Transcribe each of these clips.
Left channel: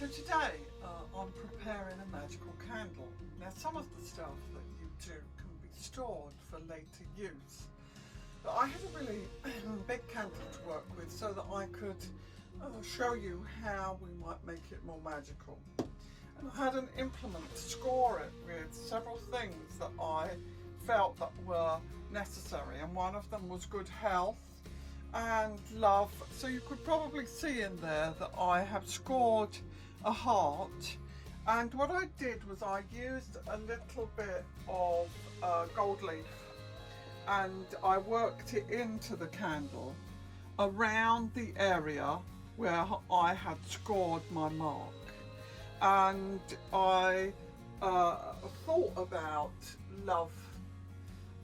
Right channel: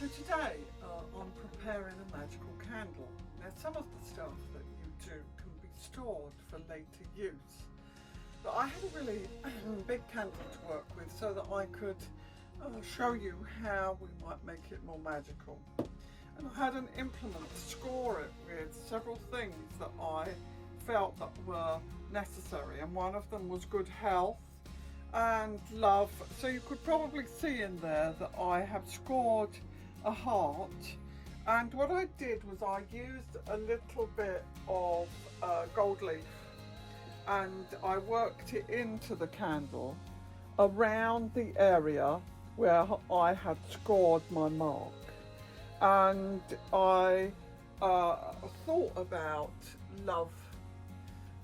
So today I'm preparing a magical candle. Now some of the stuff that you do can be stored for later use, but I had a really big candle to work with so that I could show you how we might make it more magical. And I had an implement to score it with several things that I felt that were necessary, and one of them was good health and love. So you could probably see in there that I have scored a heart, and what I did was I used a little bit of gold leaf and I worked it into the candle around the area where I had scored my mark. And I thought about love,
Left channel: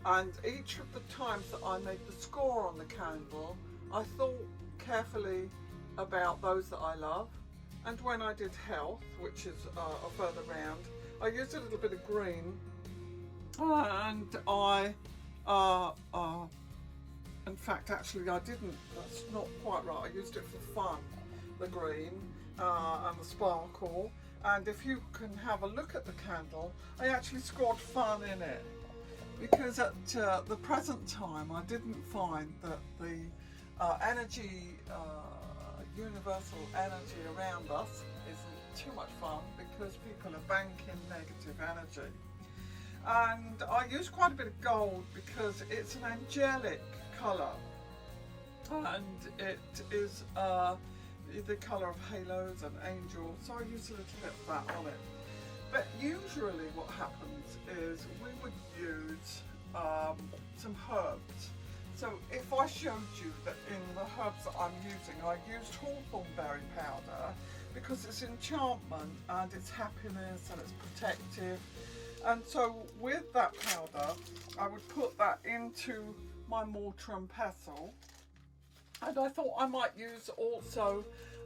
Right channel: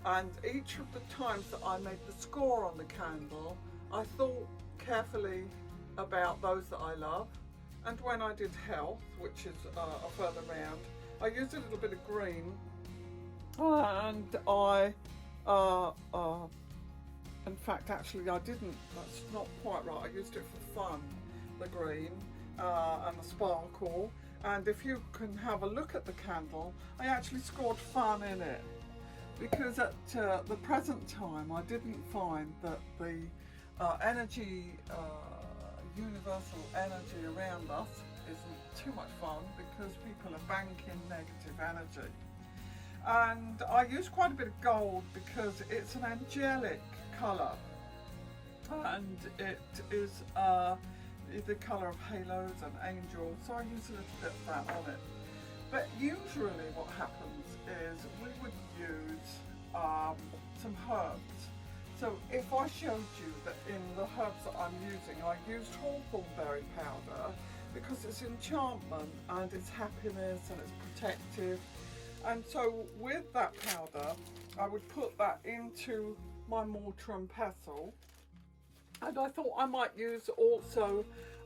and each of the times that I made the score on the candle, I thought carefully about those that I love. And when I did health, which is a further round, I used a little bit of green, and I in fact actually I didn't, that's not quite right, I used it for fun, the green and the sparkle. And if you can have a look at the candle, I actually scored fun in it, because at the present time I didn't find that the energy, universal energy around us isn't too much fun, because people are banking negative energy. And I use quite a bit of gold because it's an angelic colour, and it is the colour of halos and angels, so I use a little bit of that on it. But usually what happens is we would use some herbs. So if I showed you that in the herbs that I'm using, I used hawthornberry powder because it's enchantment and it's happiness and it's protective. And so with that powder, I would put that into my mortar and pestle. And I thought I might use also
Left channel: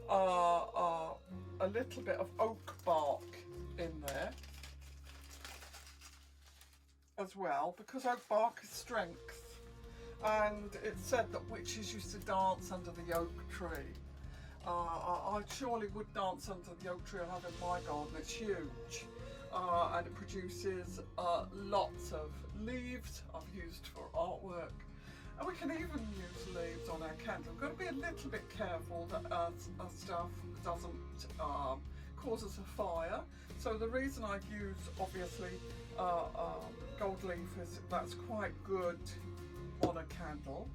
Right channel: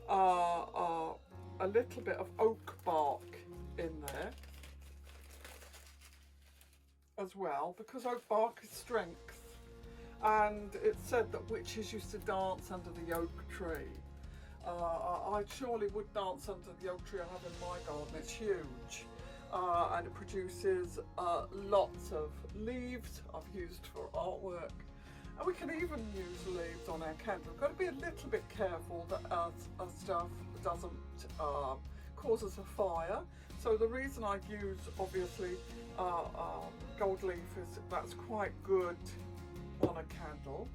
a little bit of oak bark in there as well, because oak bark is strength. And it's said that witches used to dance under the oak tree. I surely would dance under the oak tree I have in my garden. It's huge, and it produces lots of leaves I've used for artwork. And we can even use leaves on our candle. We've got to be a little bit careful that our stuff doesn't cause us a fire. So the reason I use obviously gold leaf is that's quite good on a candle.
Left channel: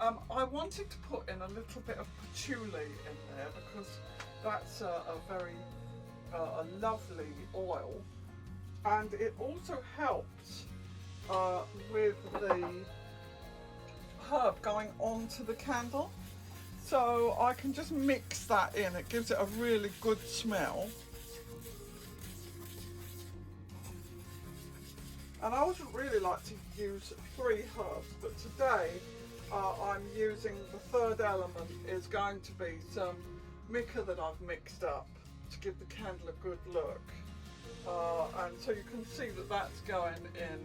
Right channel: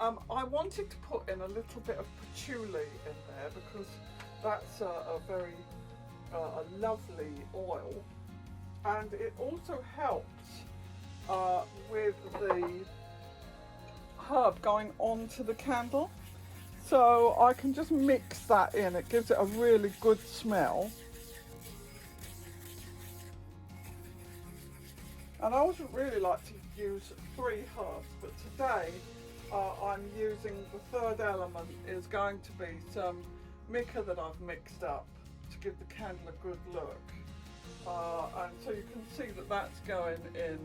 I wanted to put in a little bit of patchouli in there because that's a very lovely oil, and it also helps with the herb going onto the candle. So I can just mix that in, it gives it a really good smell. And I would really like to use 3 herbs, but today I'm using the third element is going to be some mica that I've mixed up to give the candle a good look. And so you can see that that's going in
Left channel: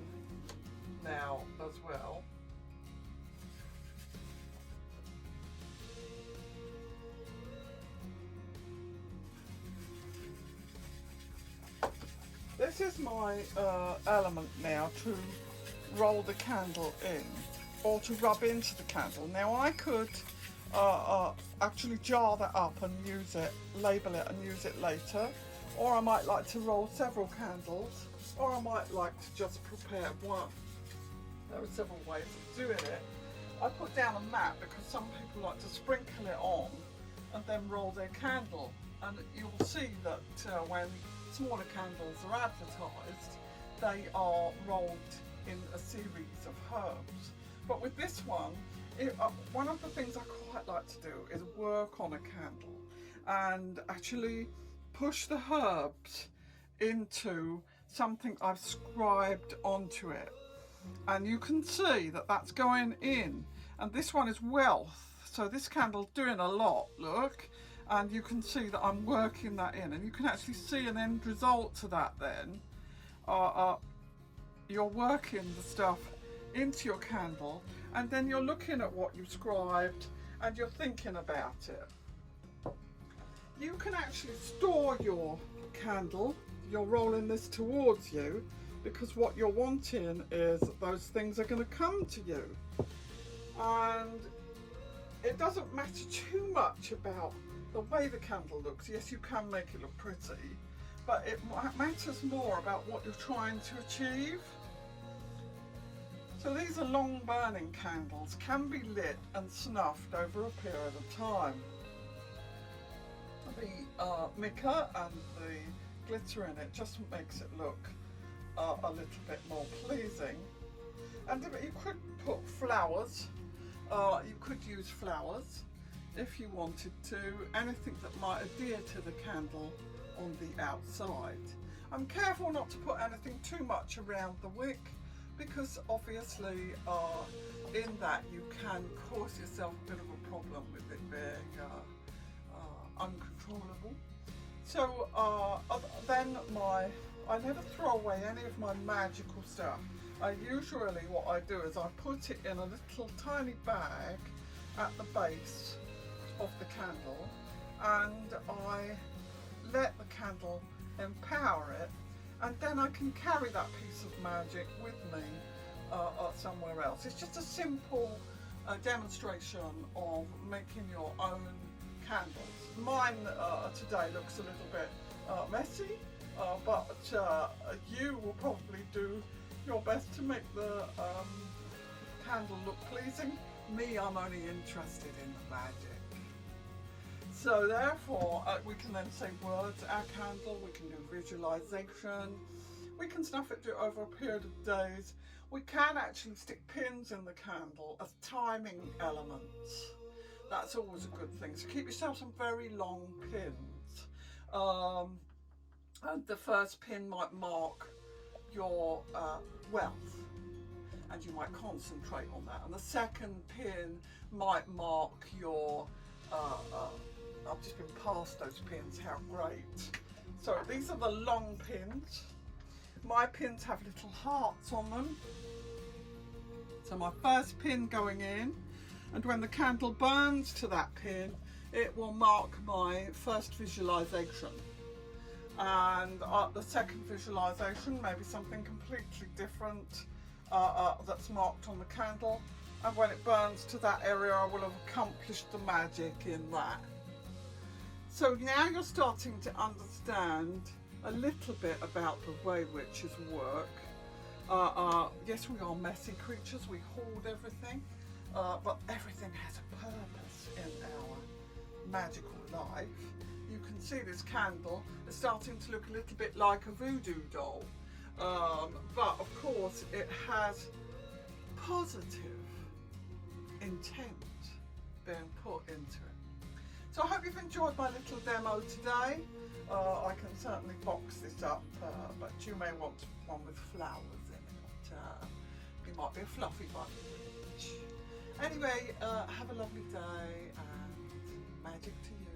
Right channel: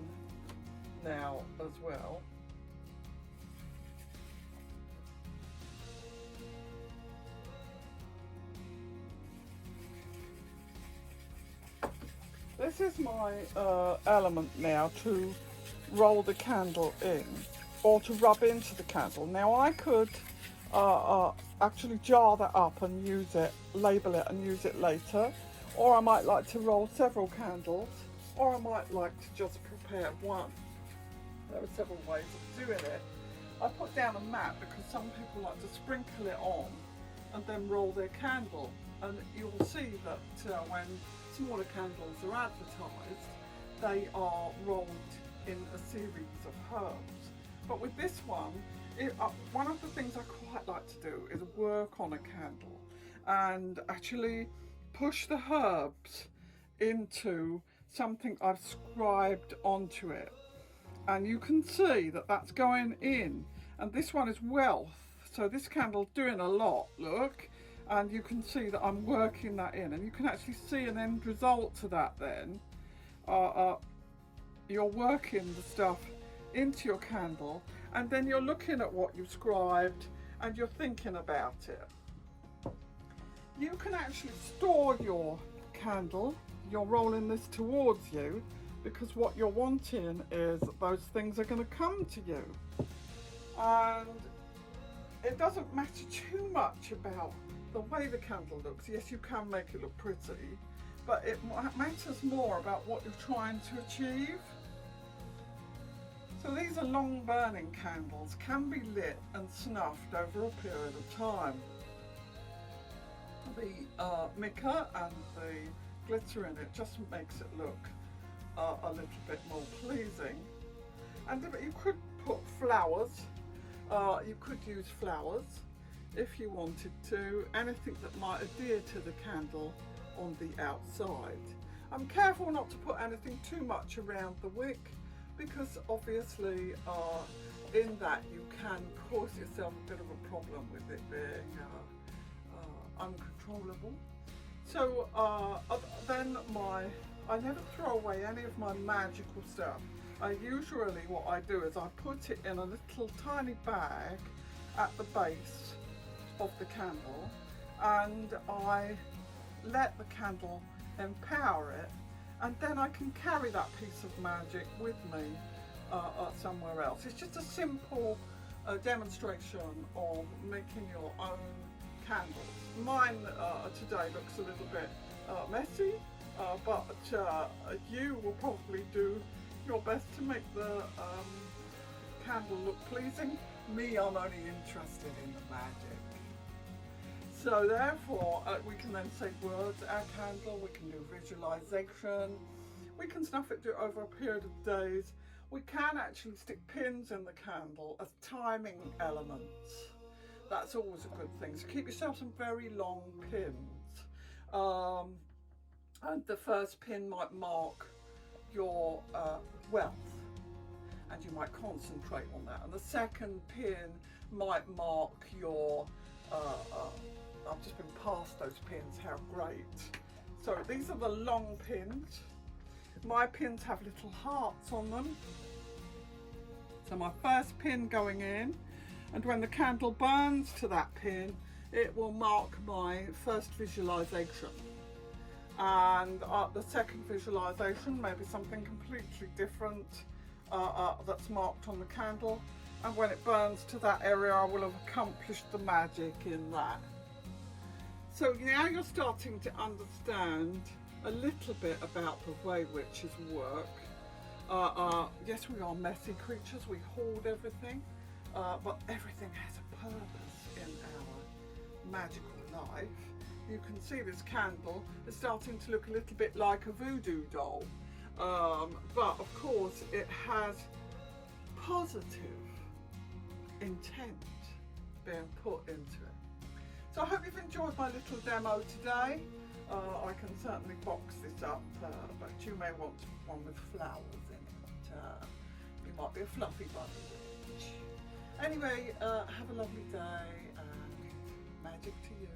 now as well. This is my element now to roll the candle in, or to rub into the candle. Now I could actually jar that up and use it, label it and use it later, or I might like to roll several candles, or I might like to just prepare one. There are several ways of doing it. I put down a mat because some people like to sprinkle it on and then roll their candle, and you'll see that when smaller candles are advertised, they are rolled in a series of herbs. But with this one, one of the things I quite like to do is work on a candle and actually push the herbs into something I've scribed onto it. And you can see that that's going in, and this one is wealth. So this candle's doing a lot, look. And you can see that I'm working that in, and you can actually see an end result to that then. You're working the stuff into your candle, and then you're looking at what you've scribed and you're thinking about it. you can actually store your candle. You're rolling this towards you because what you're wanting is that those things are going to come to you. And it doesn't matter too much about the way the candle looks. Yes, you can make it look pretty, but it matters more about what you're trying to achieve. So these are long burning candles, can be lit and snuffed over a period of time. The mica and the glitter in it just makes it look a little bit more pleasing. And you could put flowers, you could use flowers if you wanted to, anything that might adhere to the candle on the outside. I'm careful not to put anything too much around the wick, because obviously in that you can cause yourself a bit of a problem with it being uncontrollable. So then I never throw away any of my magical stuff. Usually what I do is I put it in a little tiny bag at the base of the candle, and I let the candle empower it, and then I can carry that piece of magic with me somewhere else. It's just a simple demonstration of making your own candles. Mine today looks a little bit messy, but you will probably do your best to make the candle look pleasing. Me, I'm only interested in the magic. So therefore we can then say words, our candle, we can do visualization, we can snuff it over a period of days. We can actually stick pins in the candle as timing elements. That's always a good thing. So keep yourself some very long pins. And the first pin might mark your wealth, and you might concentrate on that. And the second pin might mark your I've just been past those pins, how great. So these are the long pins. My pins have little hearts on them. So my first pin going in, and when the candle burns to that pin, it will mark my first visualization. And the second visualization may be something completely different that's marked on the candle. And when it burns to that area, I will have accomplished the magic in that. So now you're starting to understand a little bit about the way witches work. Yes, we are messy creatures, we hoard everything, but everything has a purpose in our magical life. You can see this candle is starting to look a little bit like a voodoo doll, but of course it has positive intent being put into it. So I hope you've enjoyed my little demo today. I can certainly box this up, but you may want one with flowers in it. You might be a fluffy bunny witch. Anyway, have a lovely day, and magic to you.